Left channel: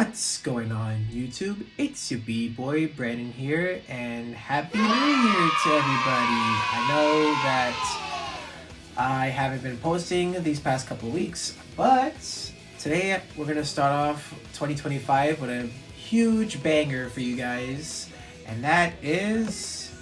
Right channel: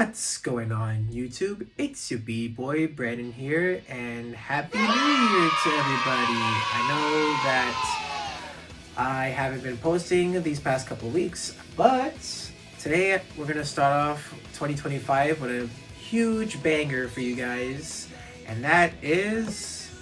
What's going on YouTube? It's your B-boy Brandon here, and Happy New Year to everybody. I know that I haven't been posting these past couple of weeks, but today we're gonna start off 2025 with a huge banger for you guys, and that is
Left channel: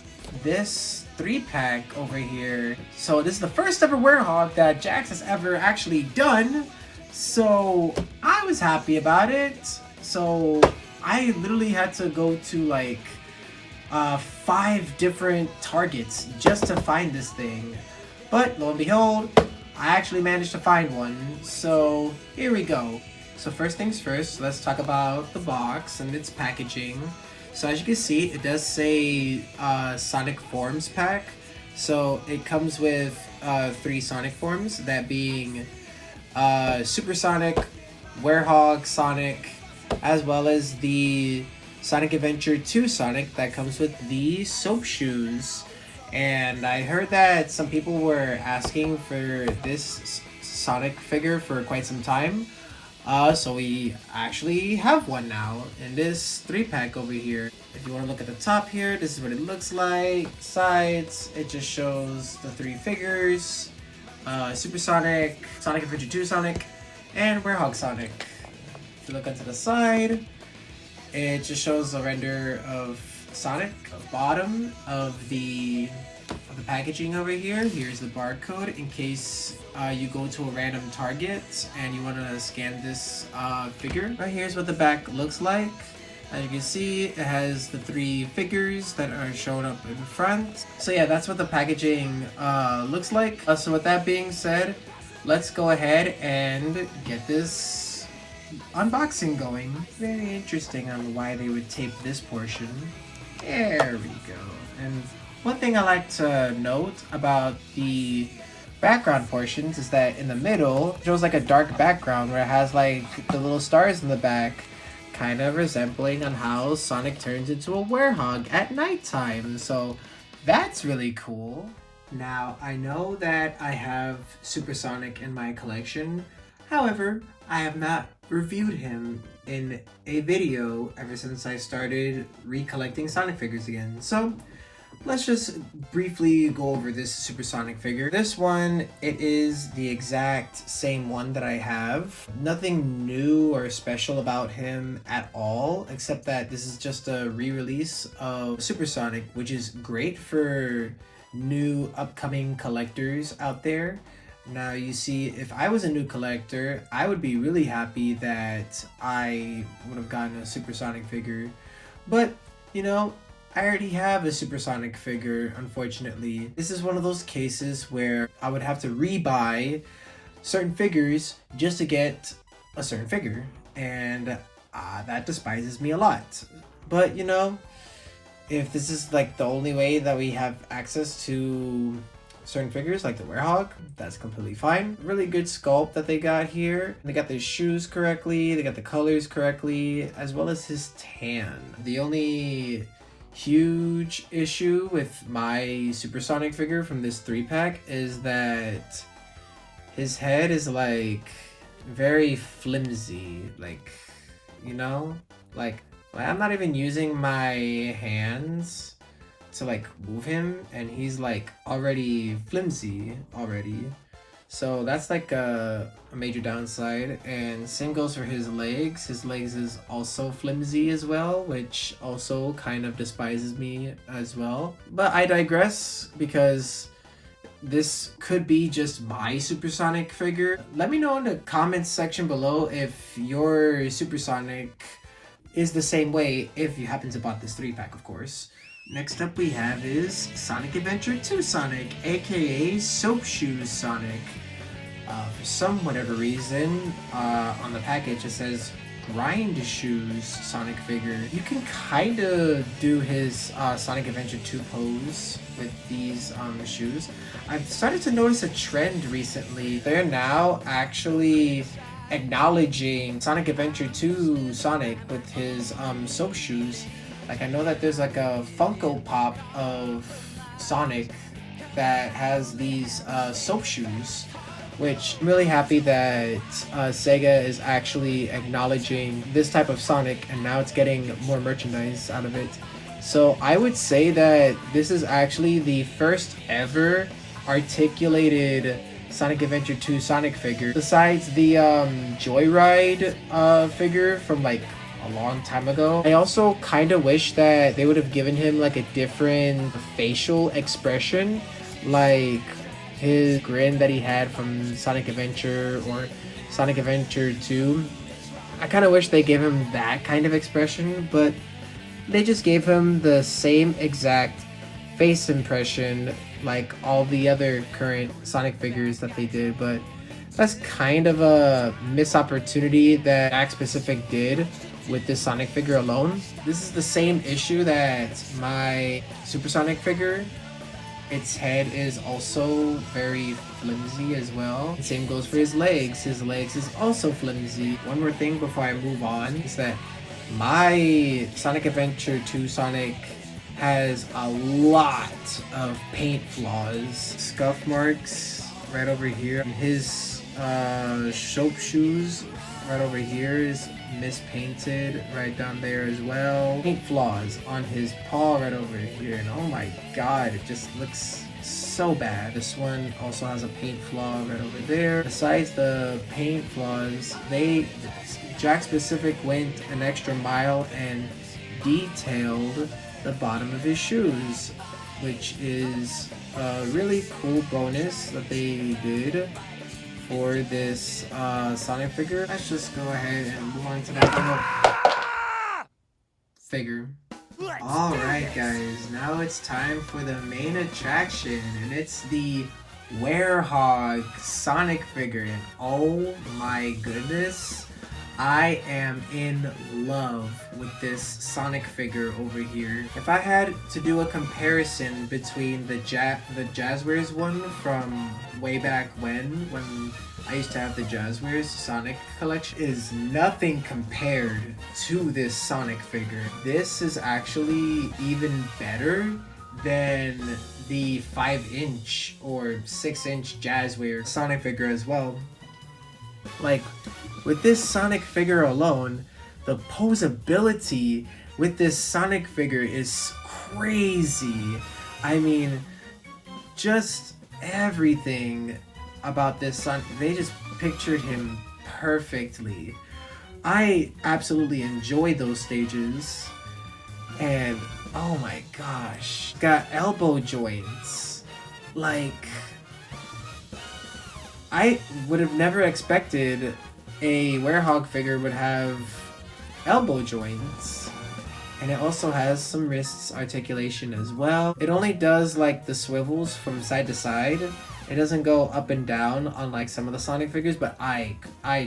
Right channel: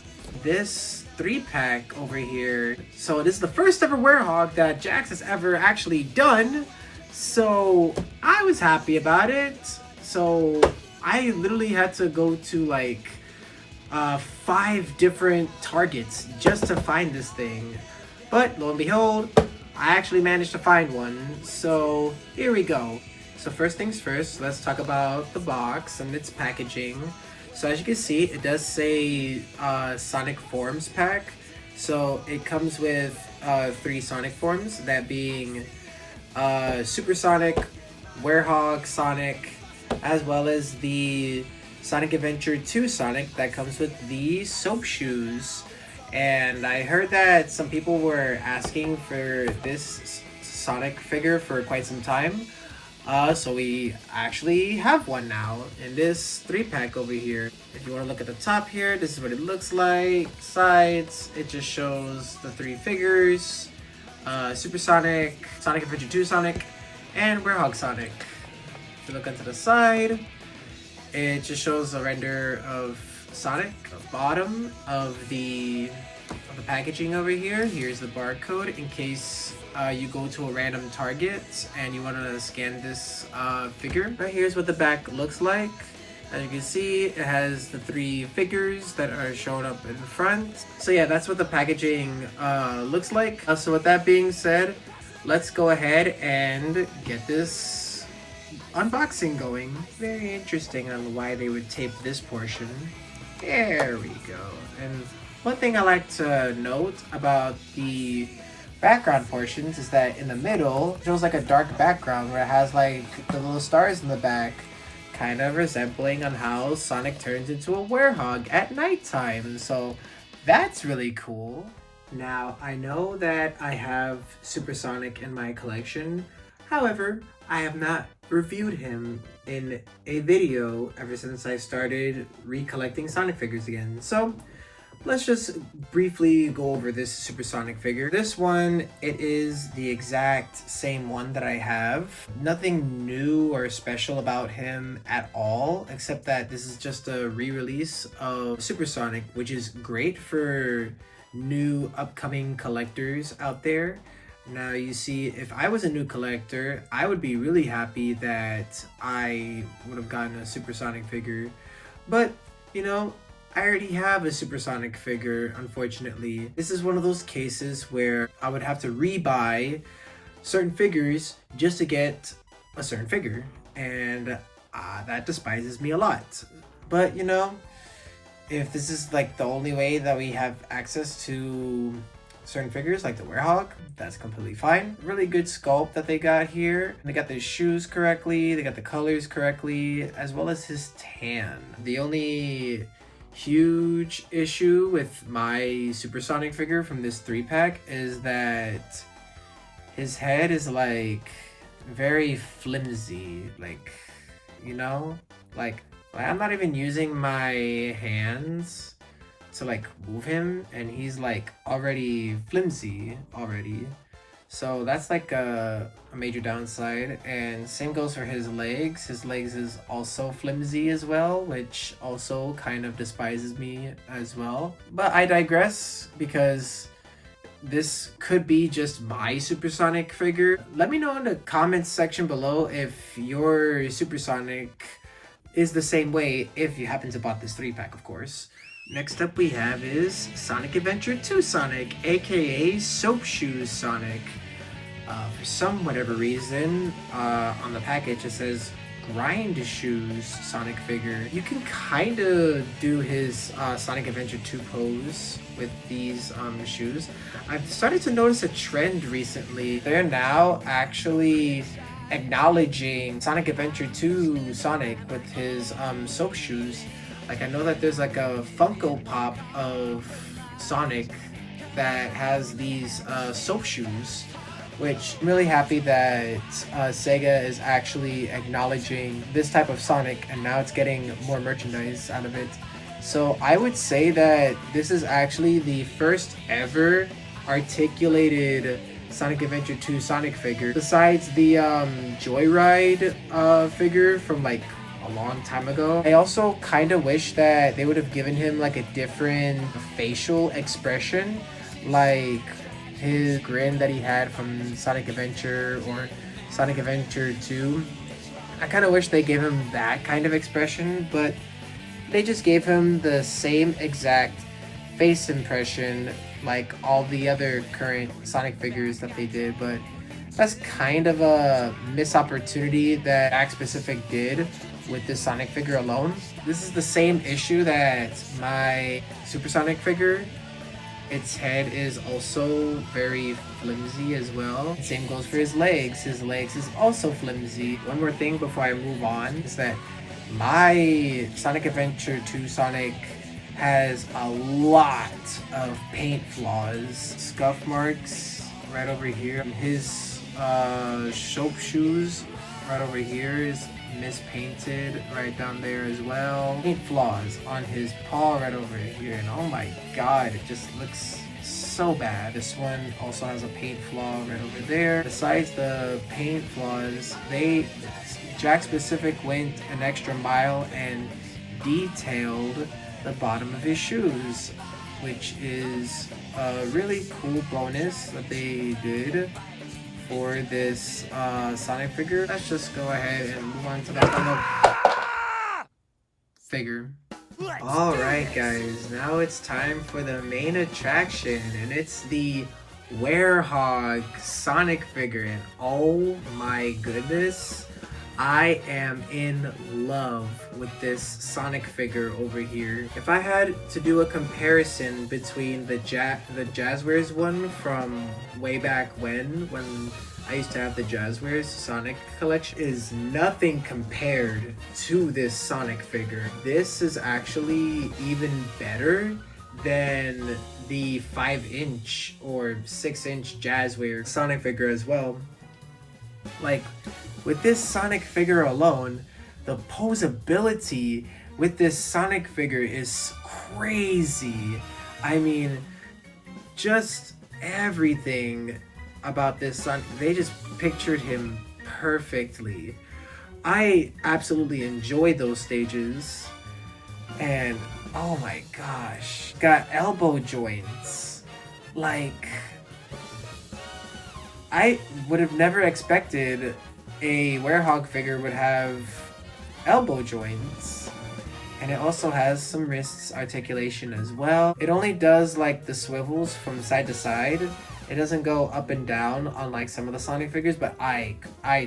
this 3-pack over here. So this is the first ever Werehog that Jakks has ever actually done. So I was happy about it. So I literally had to go to like 5 different targets just to find this thing. But lo and behold, I actually managed to find one. So here we go. So first things first, let's talk about the box and its packaging. So as you can see, it does say Sonic Forms pack. So it comes with 3 Sonic forms, that being Super Sonic, Werehog Sonic, as well as the Sonic Adventure 2 Sonic that comes with the soap shoes. And I heard that some people were asking for this Sonic figure for quite some time. So we actually have one now in this 3-pack over here. If you want to look at the top here, this is what it looks like. Sides, it just shows the 3 figures. Super Sonic, Sonic Adventure 2 Sonic, and Werehog Sonic. If you look onto the side, it just shows a render of Sonic. The bottom of the packaging over here, here's the barcode in case you go to a random target and you want to scan this figure. Now here's what the back looks like. As you can see, it has the 3 figures that are shown up in front. So yeah, that's what the packaging looks like. So with that being said, let's go ahead and get this unboxing going. Very interesting on why they would tape this portion. There we go. And one thing I like to note about the background portions is that in the middle, it shows like a dark background where it has like the little stars in the back, kind of resembling on how Sonic turns into a Werehog at nighttime. So that's really cool. Now, I know that I have Super Sonic in my collection. However, I have not reviewed him in a video ever since I started recollecting Sonic figures again. So let's just briefly go over this Super Sonic figure. This one, it is the exact same one that I have. Nothing new or special about him at all, except that this is just a re-release of Super Sonic, which is great for new upcoming collectors out there. Now you see, if I was a new collector, I would be really happy that I would have gotten a Super Sonic figure. But, you know, I already have a Super Sonic figure, unfortunately. This is one of those cases where I would have to rebuy certain figures just to get a certain figure. And that despises me a lot. But, you know, if this is like the only way that we have access to certain figures like the Werehog, that's completely fine. Really good sculpt that they got here. They got the shoes correctly, they got the colors correctly, as well as his tan. The only huge issue with my Super Sonic figure from this 3-pack is that his head is like very flimsy, like, you know, like I'm not even using my hands to like move him and he's like already flimsy already. So that's like a major downside. And same goes for his legs. His legs is also flimsy as well, which also kind of despises me as well. But I digress, because this could be just my Super Sonic figure. Let me know in the comments section below if your Super Sonic is the same way, if you happen to bought this 3-pack, of course. Next up we have is Sonic Adventure 2 Sonic, aka Soap Shoes Sonic. For some whatever reason, on the package it says Grind Shoes Sonic figure. You can kind of do his Sonic Adventure 2 pose with these shoes. I've started to notice a trend recently. They're now actually acknowledging Sonic Adventure 2 Sonic with his soap shoes. Like, I know that there's like a Funko Pop of Sonic that has these soap shoes. which I'm really happy that Sega is actually acknowledging this type of Sonic, and now it's getting more merchandise out of it. So I would say that this is actually the first ever articulated Sonic Adventure 2 Sonic figure, besides the Joyride figure from like a long time ago. I also kind of wish that they would have given him like a different facial expression, like his grin that he had from Sonic Adventure or Sonic Adventure 2. I kind of wish they gave him that kind of expression, but they just gave him the same exact face impression like all the other current Sonic figures that they did. But that's kind of a missed opportunity that Jakks Pacific did with this Sonic figure alone. This is the same issue that my Supersonic figure. Its head is also very flimsy as well. The same goes for his legs. His legs is also flimsy. One more thing before I move on is that my Sonic Adventure 2 Sonic has a lot of paint flaws. Scuff marks right over here. His soap shoes right over here is mispainted right down there as well. Paint flaws on his paw right over here, and oh my god, it just looks so bad. This one also has a paint flaw right over there. Besides the paint flaws, Jakks Pacific went an extra mile and detailed the bottom of his shoes, which is a really cool bonus that they did for this Sonic figure. Let's just go ahead and move on to that figure. Alright guys, now it's time for the main attraction, and it's the Werehog Sonic figure. And oh my goodness, I am in love with this Sonic figure over here. If I had to do a comparison between the Jazzwares one from way back when I used to have the Jazzwares Sonic collection, is nothing compared to this Sonic figure. This is actually even better than the 5-inch or 6-inch Jazzwares Sonic figure as well. Like, with this Sonic figure alone, the posability with this Sonic figure is crazy. I mean, just everything about this Sonic, they just pictured him perfectly. I absolutely enjoyed those stages, and oh my gosh, got elbow joints. Like, I would have never expected a Werehog figure would have elbow joints. And it also has some wrist articulation as well. It only does like the swivels from side to side. It doesn't go up and down on like some of the Sonic figures, but I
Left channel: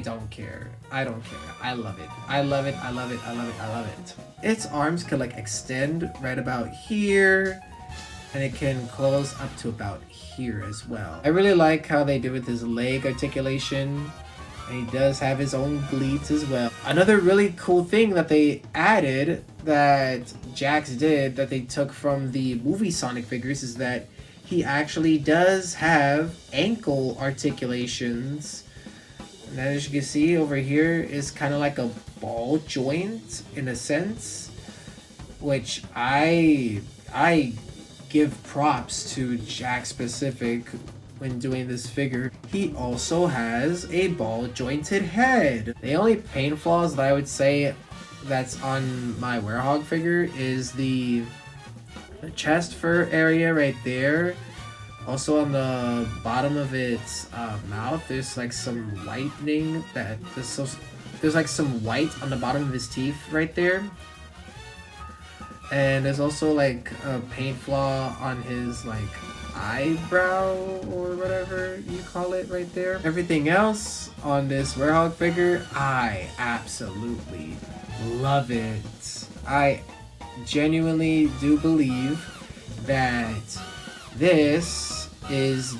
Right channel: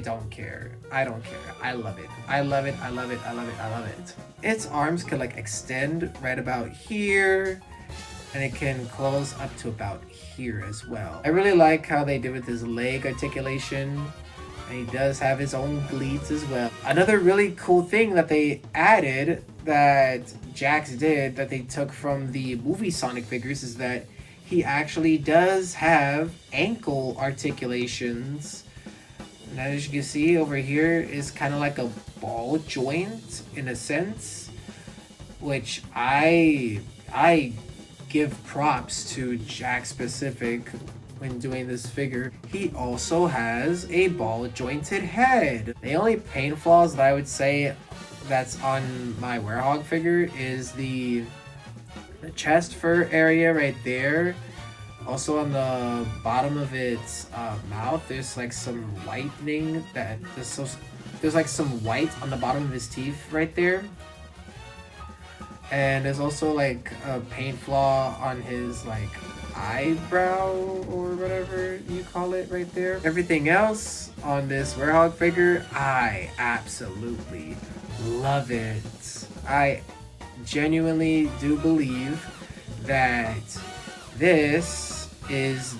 don't care. I don't care. I love it. I love it. I love it. I love it. I love it. Its arms could like extend right about here, and it can close up to about here as well. I really like how they did with his leg articulation, and he does have his own cleats as well. Another really cool thing that they added that Jakks did that they took from the movie Sonic figures is that he actually does have ankle articulations. And as you can see over here is kind of like a ball joint in a sense, which I give props to Jakks Pacific when doing this figure. He also has a ball jointed head. The only paint flaws that I would say that's on my Werehog figure is the chest fur area right there. Also on the bottom of its mouth, there's like some whitening there's like some white on the bottom of his teeth right there. And there's also like a paint flaw on his like eyebrow or whatever you call it right there. Everything else on this Werehog figure, I absolutely love it. I genuinely do believe that this is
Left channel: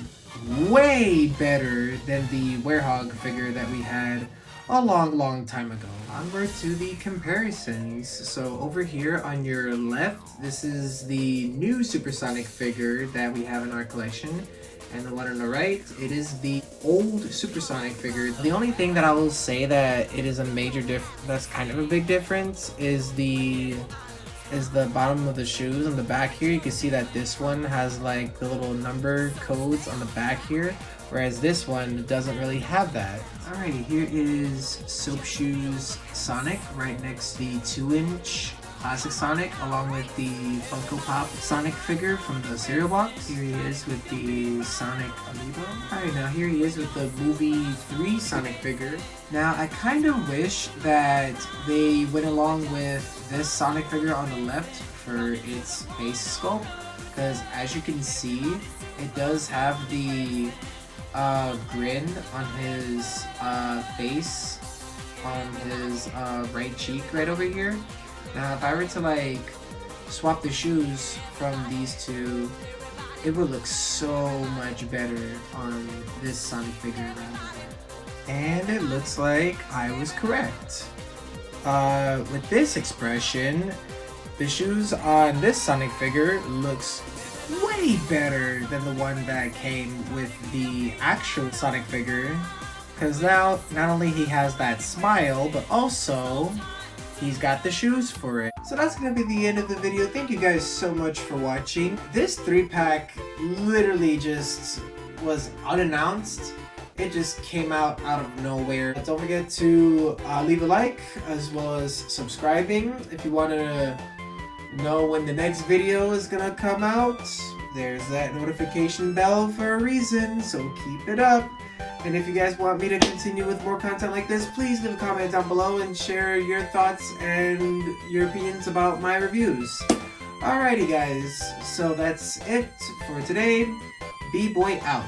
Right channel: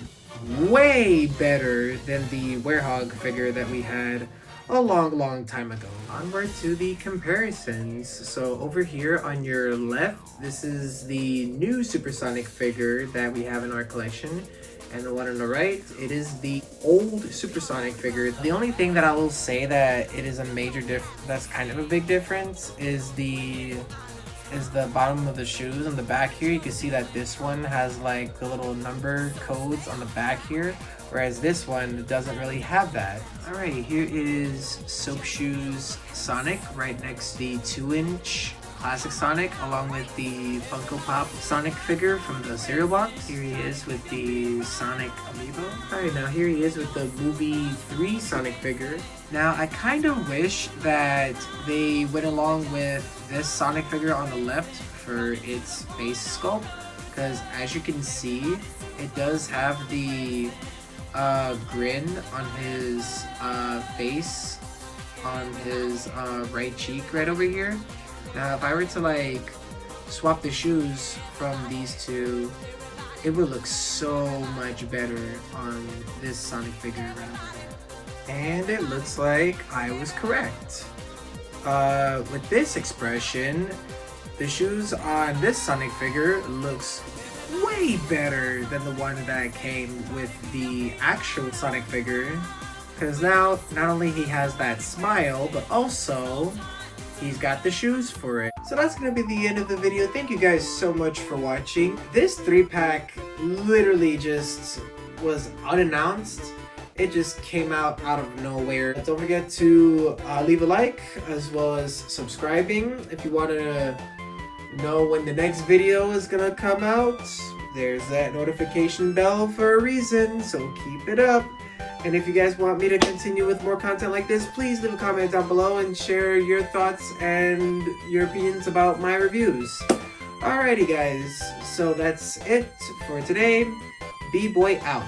way better than the Werehog figure that we had a long time ago. Onward to the comparisons. So over here on your left, this is the new Supersonic figure that we have in our collection. And the one on the right, it is the old Supersonic figure. The only thing that I will say that it is a major that's kind of a big difference is the bottom of the shoes on the back here. You can see that this one has like the little number codes on the back here, whereas this one doesn't really have that. Alright, here is Soap Shoes Sonic right next to the 2-inch Classic Sonic, along with the Funko Pop Sonic figure from the cereal box. Here he is with the Sonic Amiibo. Alright, now here he is with the movie 3 Sonic figure. Now, I kind of wish that they went along with this Sonic figure on the left for its face sculpt, because as you can see, it does have the grin on his face, on his right cheek right over here. Now, if I were to like swap the shoes from these two, it would look so much better on this Sonic figure. And it looks like I was correct. With this expression, the shoes on this Sonic figure looks way better than the one that came with the actual Sonic figure. Because now, not only he has that smile, but also he's got the shoes for it. So that's gonna be the end of the video. Thank you guys so much for watching. This 3-pack literally just was unannounced. It just came out of nowhere. Don't forget to leave a like as well as subscribing if you want to know when the next video is gonna come out. There's that notification bell for a reason, so keep it up. And if you guys want me to continue with more content like this, please leave a comment down below and share your thoughts and your opinions about my reviews. Alrighty guys, so that's it for today. B-Boy out.